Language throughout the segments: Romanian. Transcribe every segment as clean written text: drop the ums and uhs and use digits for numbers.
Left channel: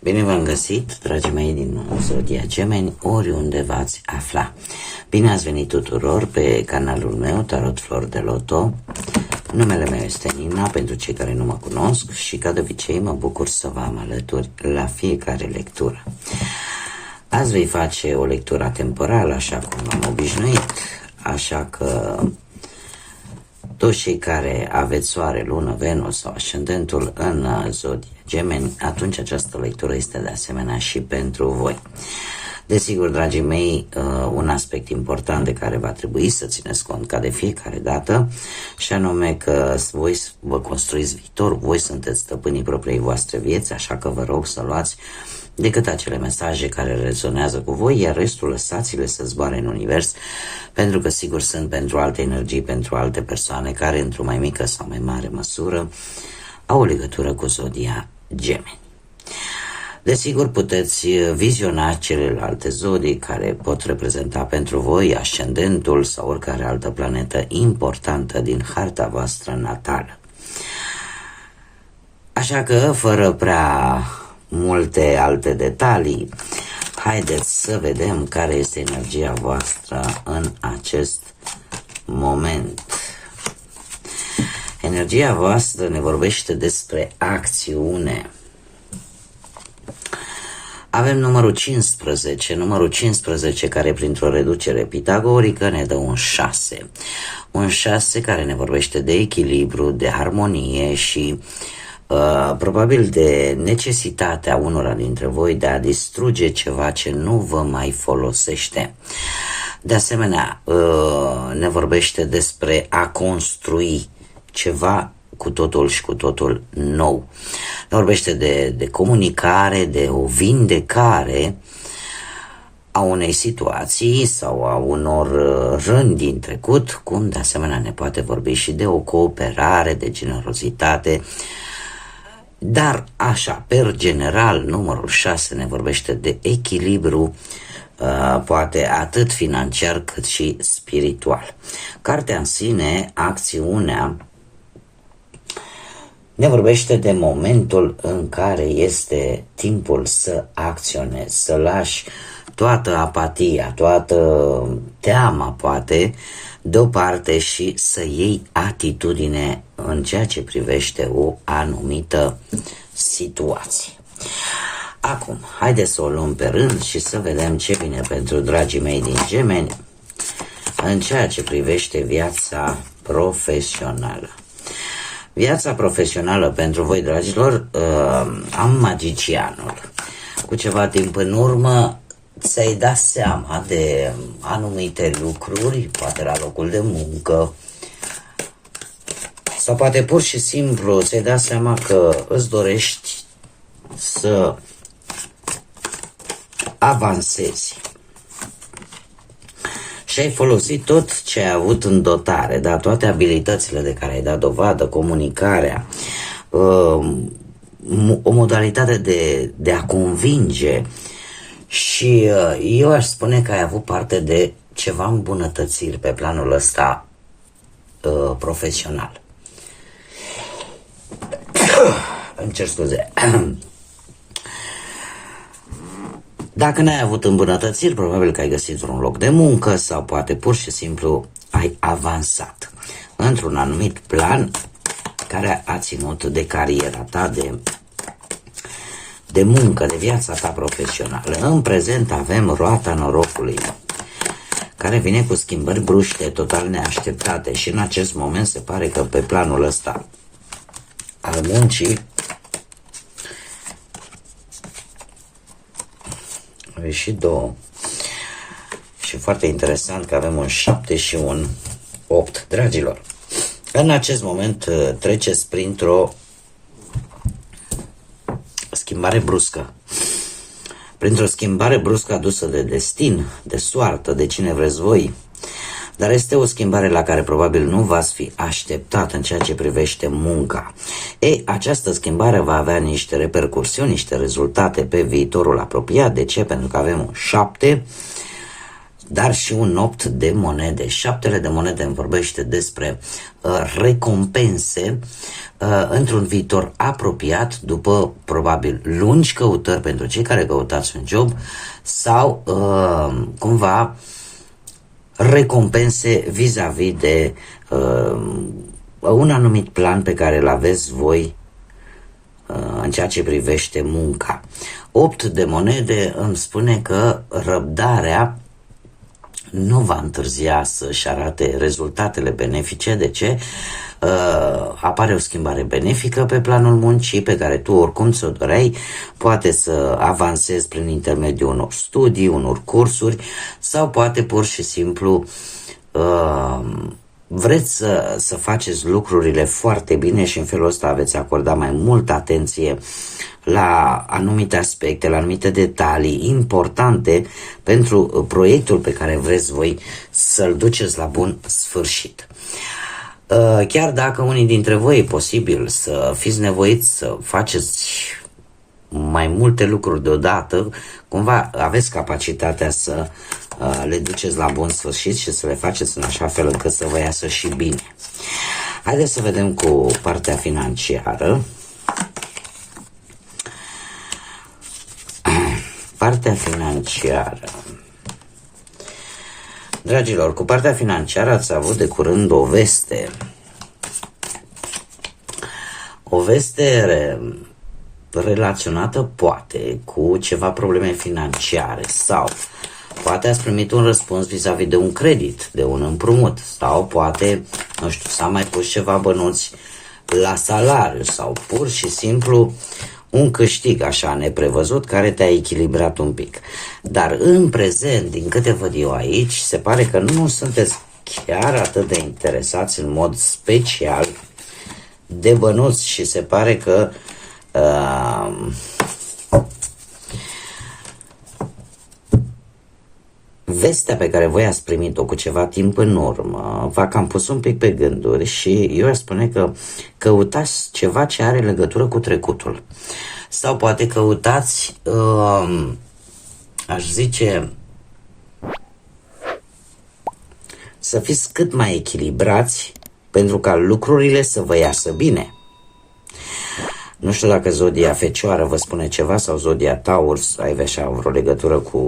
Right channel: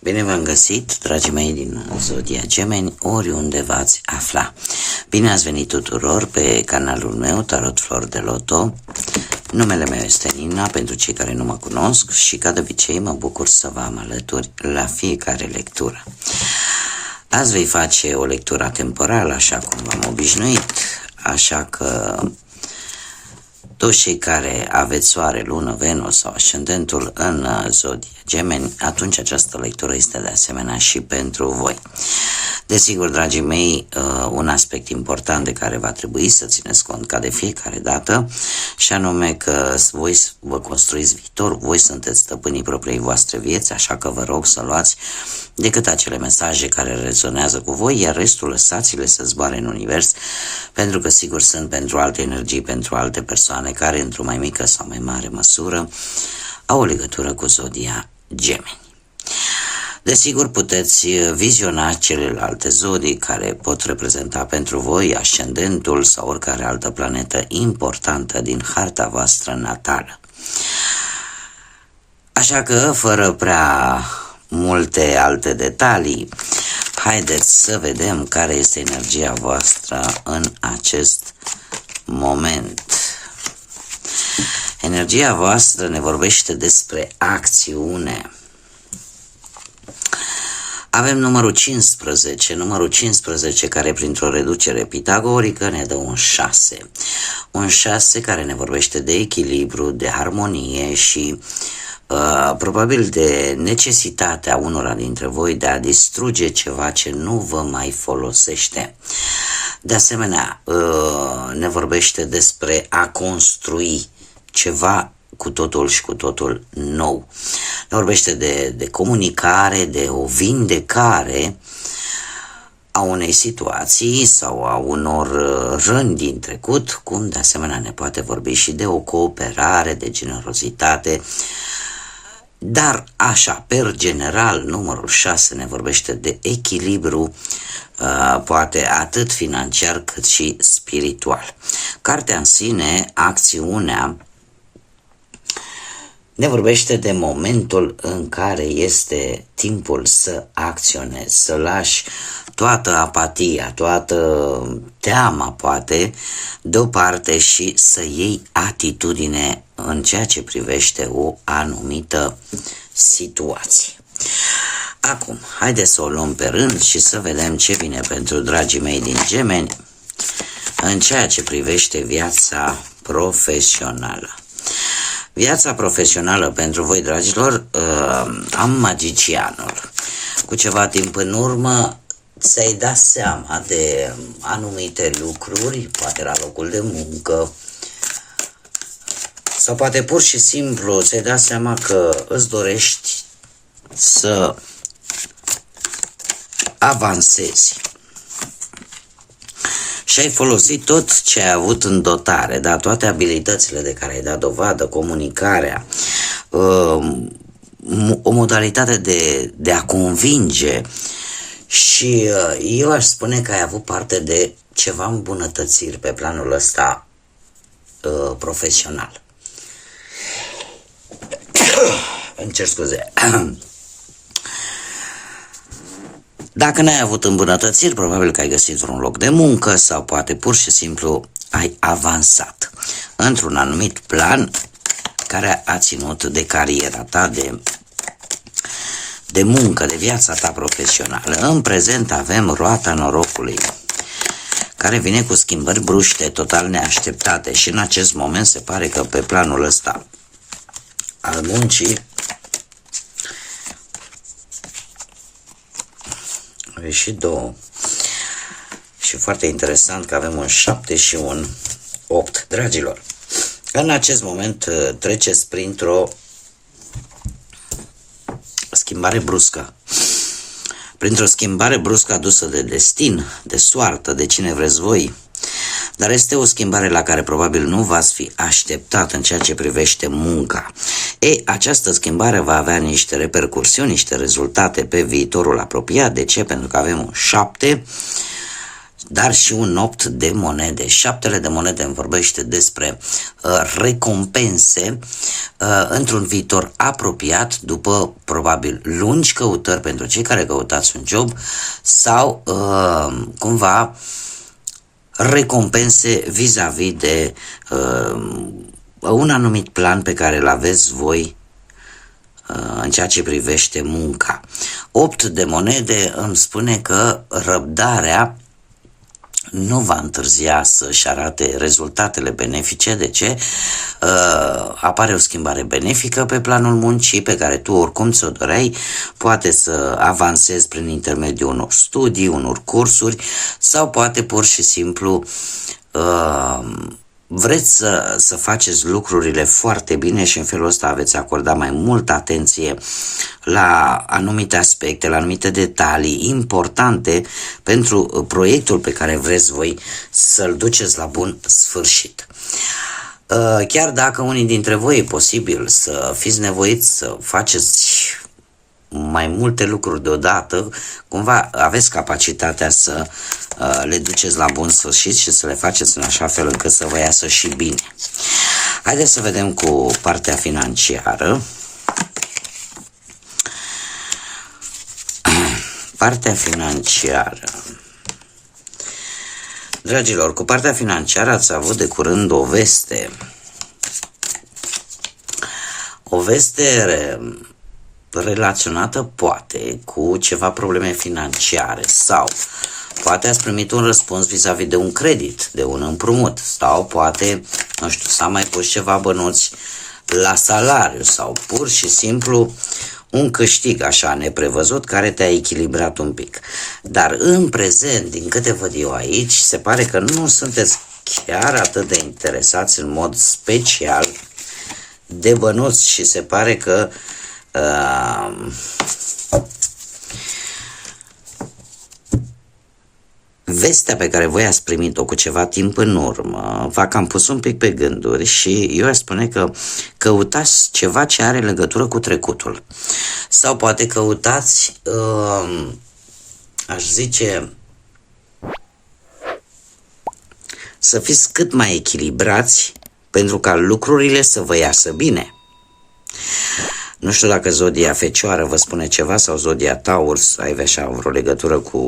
Bine v-am găsit, dragii mei din Zodia Gemeni, oriunde v-ați afla. Bine ați venit tuturor pe canalul meu, Tarot Flori de Loto. Numele meu este Nina, pentru cei care nu mă cunosc, și ca de obicei mă bucur să vă am alături la fiecare lectură. Azi vei face o lectură temporală, așa cum am obișnuit, așa că toți cei care aveți soare, lună, Venus sau ascendentul în Zodia Gemeni, atunci această lectură este de asemenea și pentru voi. Desigur, dragii mei, un aspect important de care va trebui să țineți cont ca de fiecare dată, și anume că voi vă construiți viitor, voi sunteți stăpânii propriei voastre vieți, așa că vă rog să luați decât acele mesaje care rezonează cu voi, iar restul lăsați-le să zboare în univers, pentru că sigur sunt pentru alte energii, pentru alte persoane care într-o mai mică sau mai mare măsură au o legătură cu Zodia Gemeni. Desigur, puteți viziona celelalte zodii care pot reprezenta pentru voi ascendentul sau oricare altă planetă importantă din harta voastră natală. Așa că, fără prea multe alte detalii, haideți să vedem care este energia voastră în acest moment. Energia voastră ne vorbește despre acțiune. Avem numărul 15 care printr-o reducere pitagorică ne dă un 6. Un 6 care ne vorbește de echilibru, de armonie și probabil de necesitatea unora dintre voi de a distruge ceva ce nu vă mai folosește. De asemenea, ne vorbește despre a construi ceva cu totul și cu totul nou. Ne vorbește de comunicare, de o vindecare a unei situații sau a unor răni din trecut, cum de asemenea ne poate vorbi și de o cooperare, de generozitate. Dar așa, per general, numărul 6 ne vorbește de echilibru, poate atât financiar cât și spiritual. Cartea în sine, acțiunea, ne vorbește de momentul în care este timpul să acționezi, să lași toată apatia, toată teama, poate, deoparte și să iei atitudine în ceea ce privește o anumită situație. Acum, haideți să o luăm pe rând și să vedem ce vine pentru dragii mei din Gemeni în ceea ce privește viața profesională. Viața profesională pentru voi, dragilor, am magicianul. Cu ceva timp în urmă ți-ai dat seama de anumite lucruri, poate la locul de muncă, sau poate pur și simplu ți-ai dat seama că îți dorești să avansezi. Și ai folosit tot ce ai avut în dotare, da? Toate abilitățile de care ai dat dovadă, comunicarea, o modalitate de a convinge. Și eu aș spune că ai avut parte de ceva îmbunătățiri pe planul ăsta profesional. Îmi cer scuze. Dacă n-ai avut îmbunătățiri, probabil că ai găsit un loc de muncă sau poate pur și simplu ai avansat într-un anumit plan care a ținut de cariera ta, de muncă, de viața ta profesională. În prezent avem roata norocului, care vine cu schimbări bruște, total neașteptate, și în acest moment se pare că pe planul ăsta al muncii au ieșit două. Și foarte interesant că avem un 7 și un 8. Dragilor, în acest moment treceți printr-o schimbare bruscă. Printr-o schimbare bruscă adusă de destin, de soartă, de cine vreți voi. Dar este o schimbare la care probabil nu v-ați fi așteptat în ceea ce privește munca. Această schimbare va avea niște repercursiuni, niște rezultate pe viitorul apropiat. De ce? Pentru că avem un 7 dar și un 8 de monede. 7 de monede îmi vorbește despre recompense într-un viitor apropiat, după probabil lungi căutări pentru cei care căutați un job, sau cumva recompense vis-a-vis de un anumit plan pe care îl aveți voi în ceea ce privește munca. 8 de monede îmi spune că răbdarea nu va întârzia să-și arate rezultatele benefice. De ce? Apare o schimbare benefică pe planul muncii pe care tu oricum ți-o doreai, poate să avansezi prin intermediul unor studii, unor cursuri, sau poate pur și simplu vreți să faceți lucrurile foarte bine și în felul ăsta veți acorda mai multă atenție la anumite aspecte, la anumite detalii importante pentru proiectul pe care vreți voi să-l duceți la bun sfârșit. Chiar dacă unii dintre voi e posibil să fiți nevoiți să faceți mai multe lucruri deodată, cumva aveți capacitatea să le duceți la bun sfârșit și să le faceți în așa fel încât să vă iasă și bine. Haideți să vedem cu partea financiară. Partea financiară. Dragilor, cu partea financiară ați avut de curând o veste. O veste relaționată poate cu ceva probleme financiare, sau poate ați primit un răspuns vis-a-vis de un credit, de un împrumut, sau poate, nu știu, s-a mai pus ceva bănuți la salariu, sau pur și simplu un câștig așa neprevăzut care te-a echilibrat un pic. Dar în prezent, din câte văd eu aici, se pare că nu sunteți chiar atât de interesați în mod special de bănuți și se pare că vestea pe care voi ați primit-o cu ceva timp în urmă v-a cam pus un pic pe gânduri și eu aș spune că căutați ceva ce are legătură cu trecutul. Sau poate căutați, aș zice, să fiți cât mai echilibrați pentru ca lucrurile să vă iasă bine. Nu știu dacă zodia Fecioară vă spune ceva sau zodia Taur, ai așa vreo legătură cu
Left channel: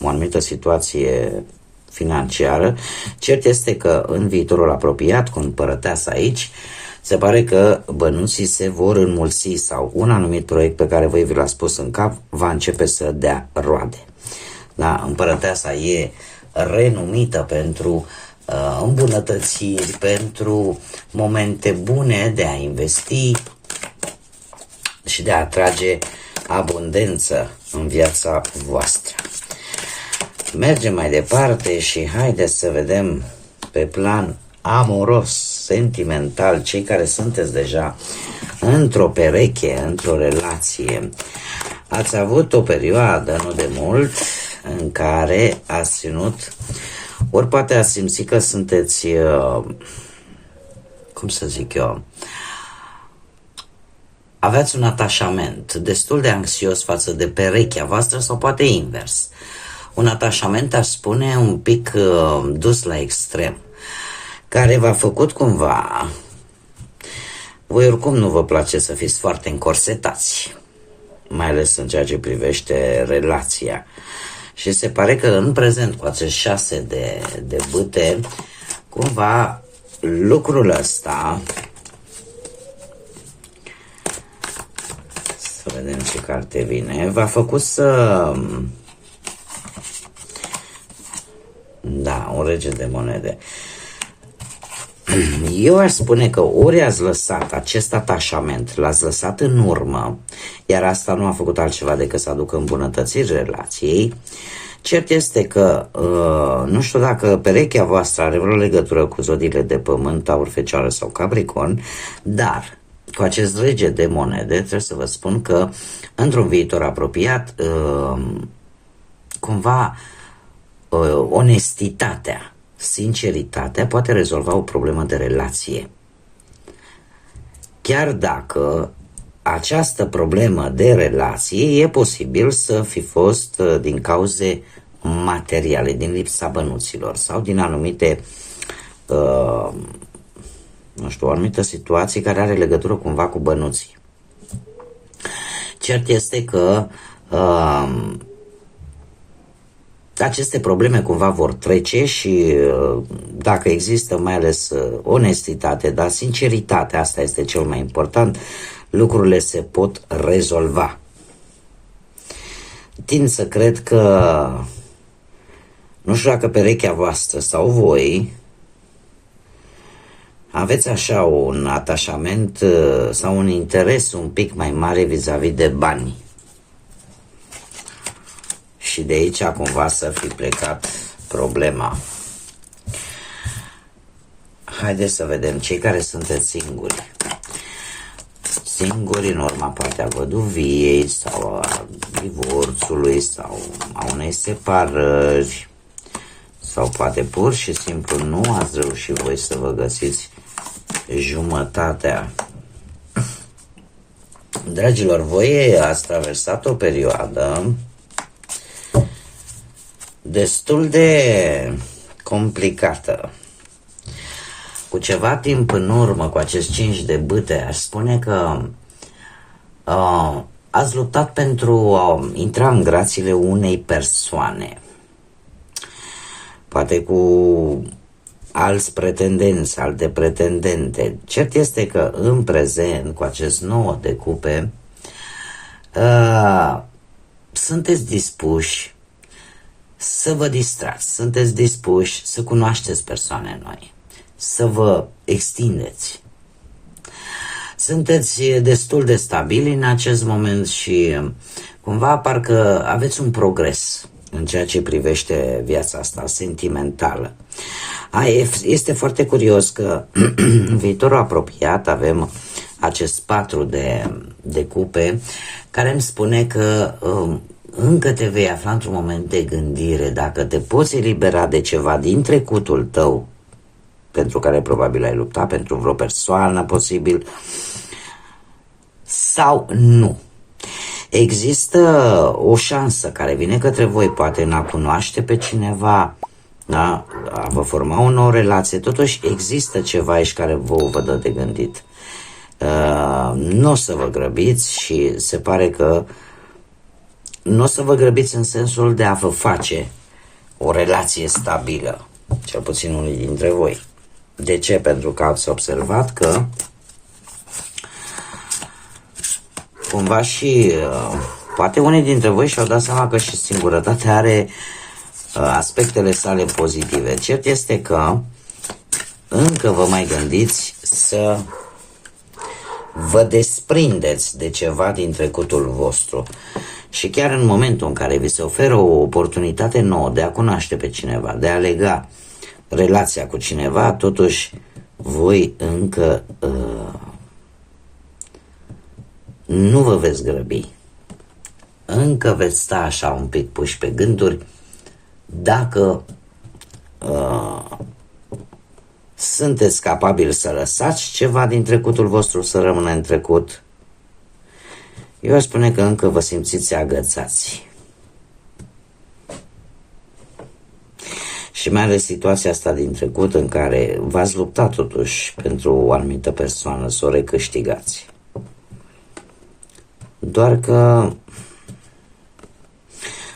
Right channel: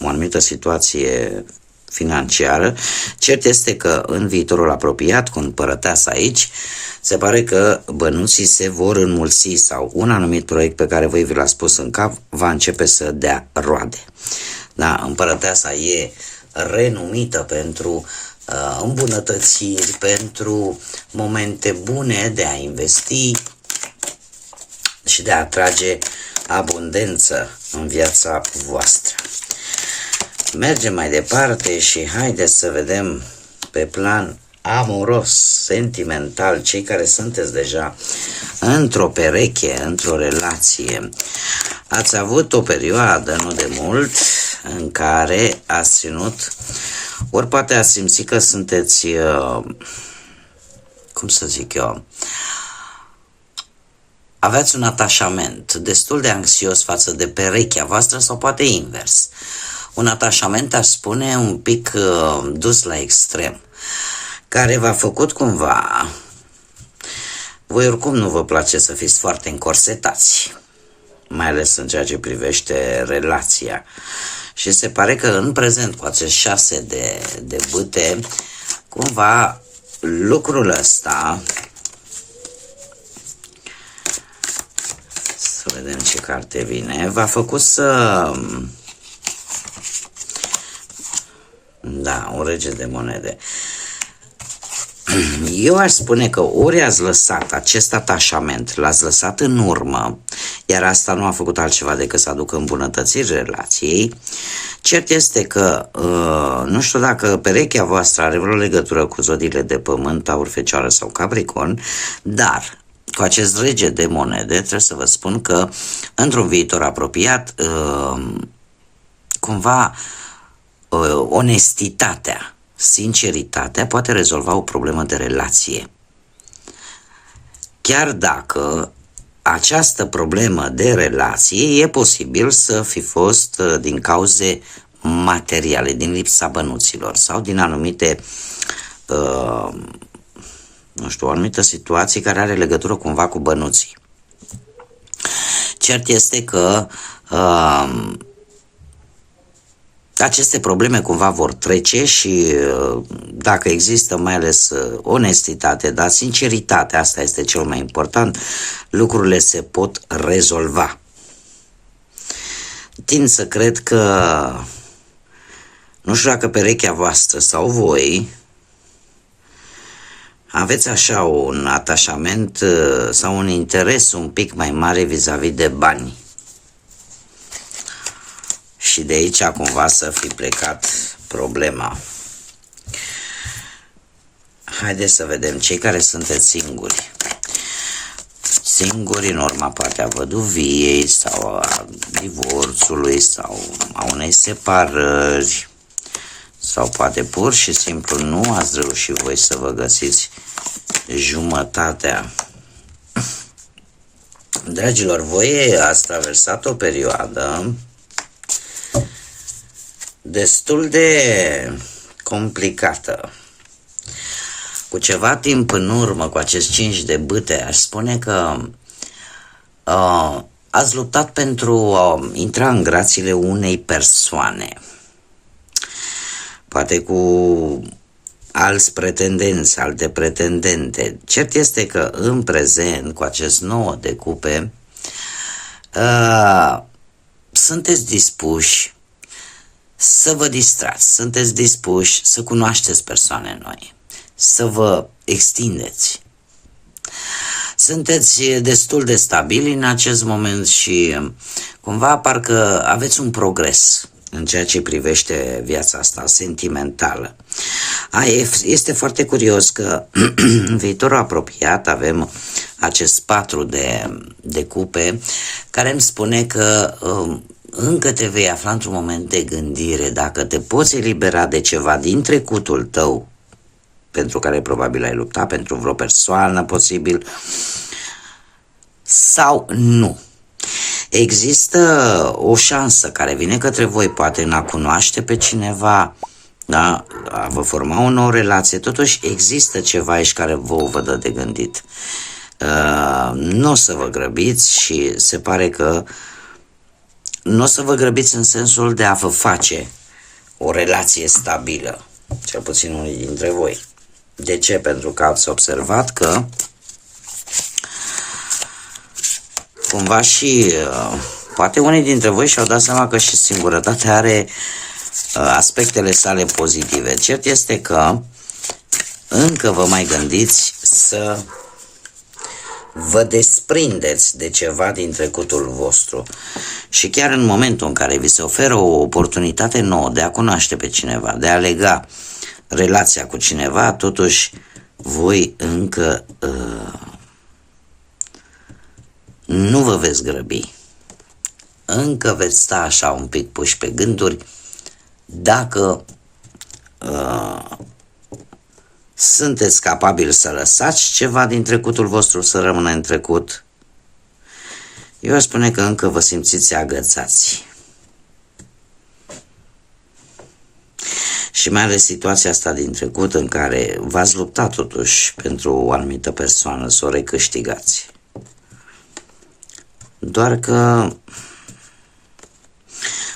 o anumită situație financiară. Cert este că în viitorul apropiat, cu împărăteasa aici, se pare că bănuții se vor înmulți sau un anumit proiect pe care voi vi l-ați pus în cap va începe să dea roade. Da, împărăteasa e renumită pentru îmbunătățiri, pentru momente bune de a investi și de a atrage abundență în viața voastră. Mergem mai departe și haideți să vedem pe plan amoros, sentimental, cei care sunteți deja într-o pereche, într-o relație. Ați avut o perioadă, nu de mult, în care ați ținut, ori poate ați simțit că sunteți, cum să zic eu, aveați un atașament destul de anxios față de perechea voastră sau poate invers. Un atașament, aș spune, un pic dus la extrem, care v-a făcut cumva, voi oricum nu vă place să fiți foarte încorsetați, mai ales în ceea ce privește relația. Și se pare că în prezent, cu acest 6 de bâte, cumva lucrul ăsta, să vedem ce carte vine, v-a făcut să... Da, un rege de monede. Eu aș spune că ori ați lăsat acest atașament, l-ați lăsat în urmă, iar asta nu a făcut altceva decât să aducă îmbunătățiri relației. Cert este că, nu știu dacă perechea voastră are vreo legătură cu zodiile de pământ, Taur, Fecioară sau Capricorn, dar cu acest rege de monede trebuie să vă spun că într-un viitor apropiat, cumva, onestitatea, sinceritatea poate rezolva o problemă de relație. Chiar dacă această problemă de relație e posibil să fi fost din cauze materiale, din lipsa bănuților sau din anumite, nu știu, o anumită situație care are legătură cumva cu bănuții. Cert este că aceste probleme cumva vor trece și dacă există mai ales onestitate, dar sinceritate, asta este cel mai important, lucrurile se pot rezolva. Tind să cred că, nu știu dacă perechea voastră sau voi, aveți așa un atașament sau un interes un pic mai mare vis-a-vis de bani. Și de aici cumva să fi plecat problema. Haideți să vedem cei care sunteți singuri. Singuri în urma poate a văduviei sau a divorțului sau a unei separări. Sau poate pur și simplu nu ați reușit voi să vă găsiți jumătatea. Dragilor, voi ați traversat o perioadă destul de complicată. Cu ceva timp în urmă, cu acest 5 de bâte, aș spune că ați luptat pentru a intra în grațiile unei persoane. Poate cu alți pretendenți, alte pretendente. Cert este că în prezent, cu acest 9 de cupe, sunteți dispuși să vă distrați, sunteți dispuși să cunoașteți persoane noi, să vă extindeți. Sunteți destul de stabili în acest moment și cumva parcă aveți un progres în ceea ce privește viața asta sentimentală. Este foarte curios că în viitorul apropiat avem acest 4 de cupe care îmi spune că încă te vei afla într-un moment de gândire dacă te poți elibera de ceva din trecutul tău pentru care probabil ai luptat, pentru vreo persoană posibil, sau nu. Există o șansă care vine către voi, poate în a cunoaște pe cineva, da? A vă forma o nouă relație, totuși există ceva aici care vă dă de gândit. Nu o să vă grăbiți și se pare că nu o să vă grăbiți în sensul de a vă face o relație stabilă, cel puțin unii dintre voi. De ce? Pentru că ați observat că cumva și poate unii dintre voi și-au dat seama că și singurătatea are aspectele sale pozitive. Cert este că încă vă mai gândiți să vă desprindeți de ceva din trecutul vostru. Și chiar în momentul în care vi se oferă o oportunitate nouă de a cunoaște pe cineva, de a lega relația cu cineva, totuși voi încă nu vă veți grăbi. Încă veți sta așa un pic puși pe gânduri dacă sunteți capabili să lăsați ceva din trecutul vostru să rămână în trecut. Eu aș spune că încă vă simțiți agățați. Și mai ales situația asta din trecut în care v-ați luptat totuși pentru o anumită persoană să o recâștigați. Doar că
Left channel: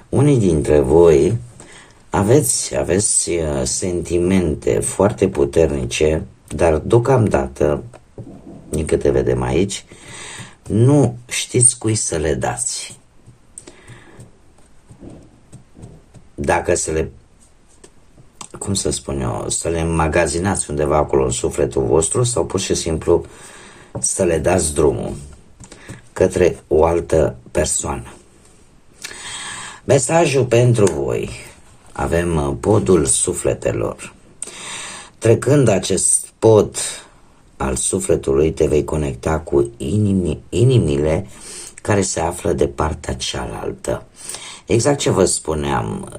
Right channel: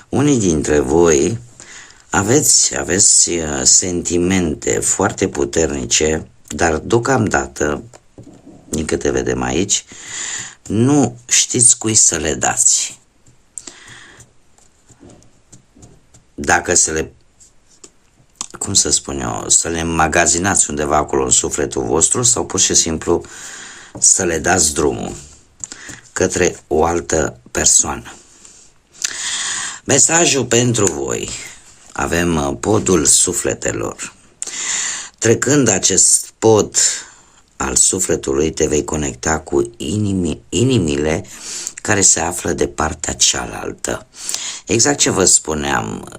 unii dintre voi aveți sentimente foarte puternice, dar deocamdată, din câte vedem aici, nu știți cui să le dați. Dacă să le, cum să spun eu, să le înmagazinați undeva acolo în sufletul vostru sau pur și simplu să le dați drumul către o altă persoană. Mesajul pentru voi. Avem podul sufletelor. Trecând acest pod al sufletului, te vei conecta cu inimile care se află de partea cealaltă. Exact ce vă spuneam,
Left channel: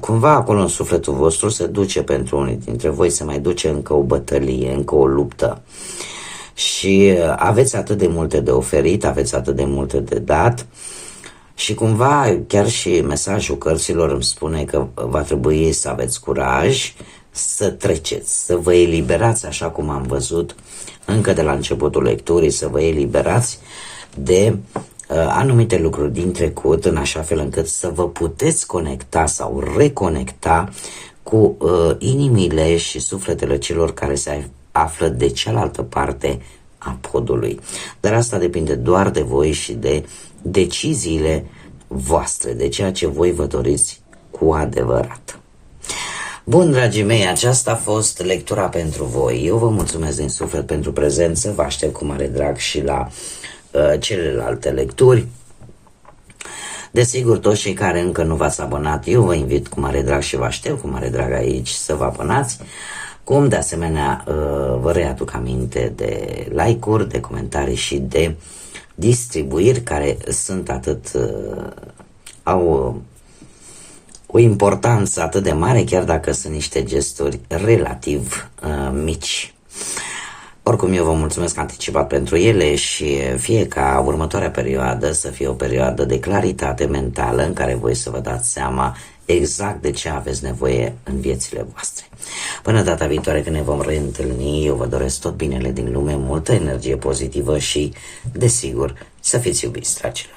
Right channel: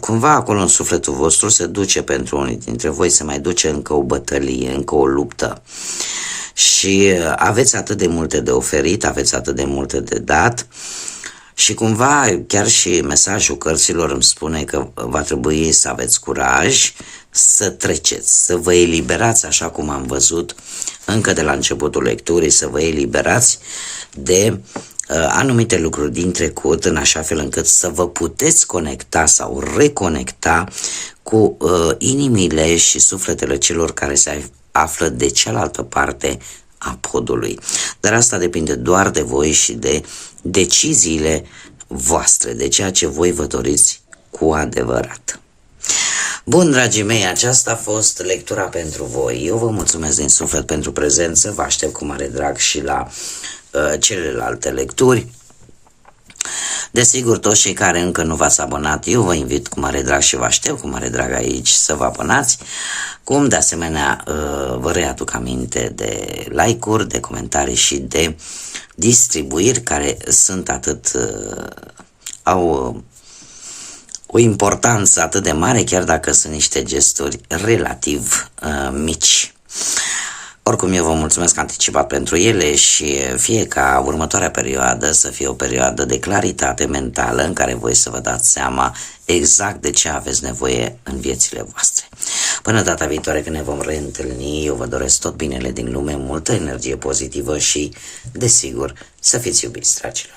cumva acolo în sufletul vostru se duce pentru unii dintre voi, se mai duce încă o bătălie, încă o luptă. Și aveți atât de multe de oferit, aveți atât de multe de dat Și cumva chiar și mesajul cărților îmi spune că va trebui să aveți curaj să treceți, să vă eliberați, așa cum am văzut încă de la începutul lecturii, să vă eliberați de anumite lucruri din trecut, în așa fel încât să vă puteți conecta sau reconecta cu inimile și sufletele celor care se află de cealaltă parte a podului. Dar asta depinde doar de voi și de deciziile voastre, de ceea ce voi vă doriți cu adevărat. Bun, dragii mei, aceasta a fost lectura pentru voi. Eu vă mulțumesc din suflet pentru prezență, vă aștept cu mare drag și la celelalte lecturi. Desigur, toți cei care încă nu v-ați abonat, eu vă invit cu mare drag și vă aștept cu mare drag aici să vă abonați. Cum de asemenea vă readuc aminte de like-uri, de comentarii și de distribuiri care sunt au o importanță atât de mare, chiar dacă sunt niște gesturi relativ mici. Oricum, eu vă mulțumesc anticipat pentru ele și fie ca următoarea perioadă să fie o perioadă de claritate mentală în care voi să vă dați seama exact de ce aveți nevoie în viețile voastre. Până data viitoare când ne vom reîntâlni, eu vă doresc tot binele din lume, multă energie pozitivă și, desigur, să fiți iubiți, dragilor.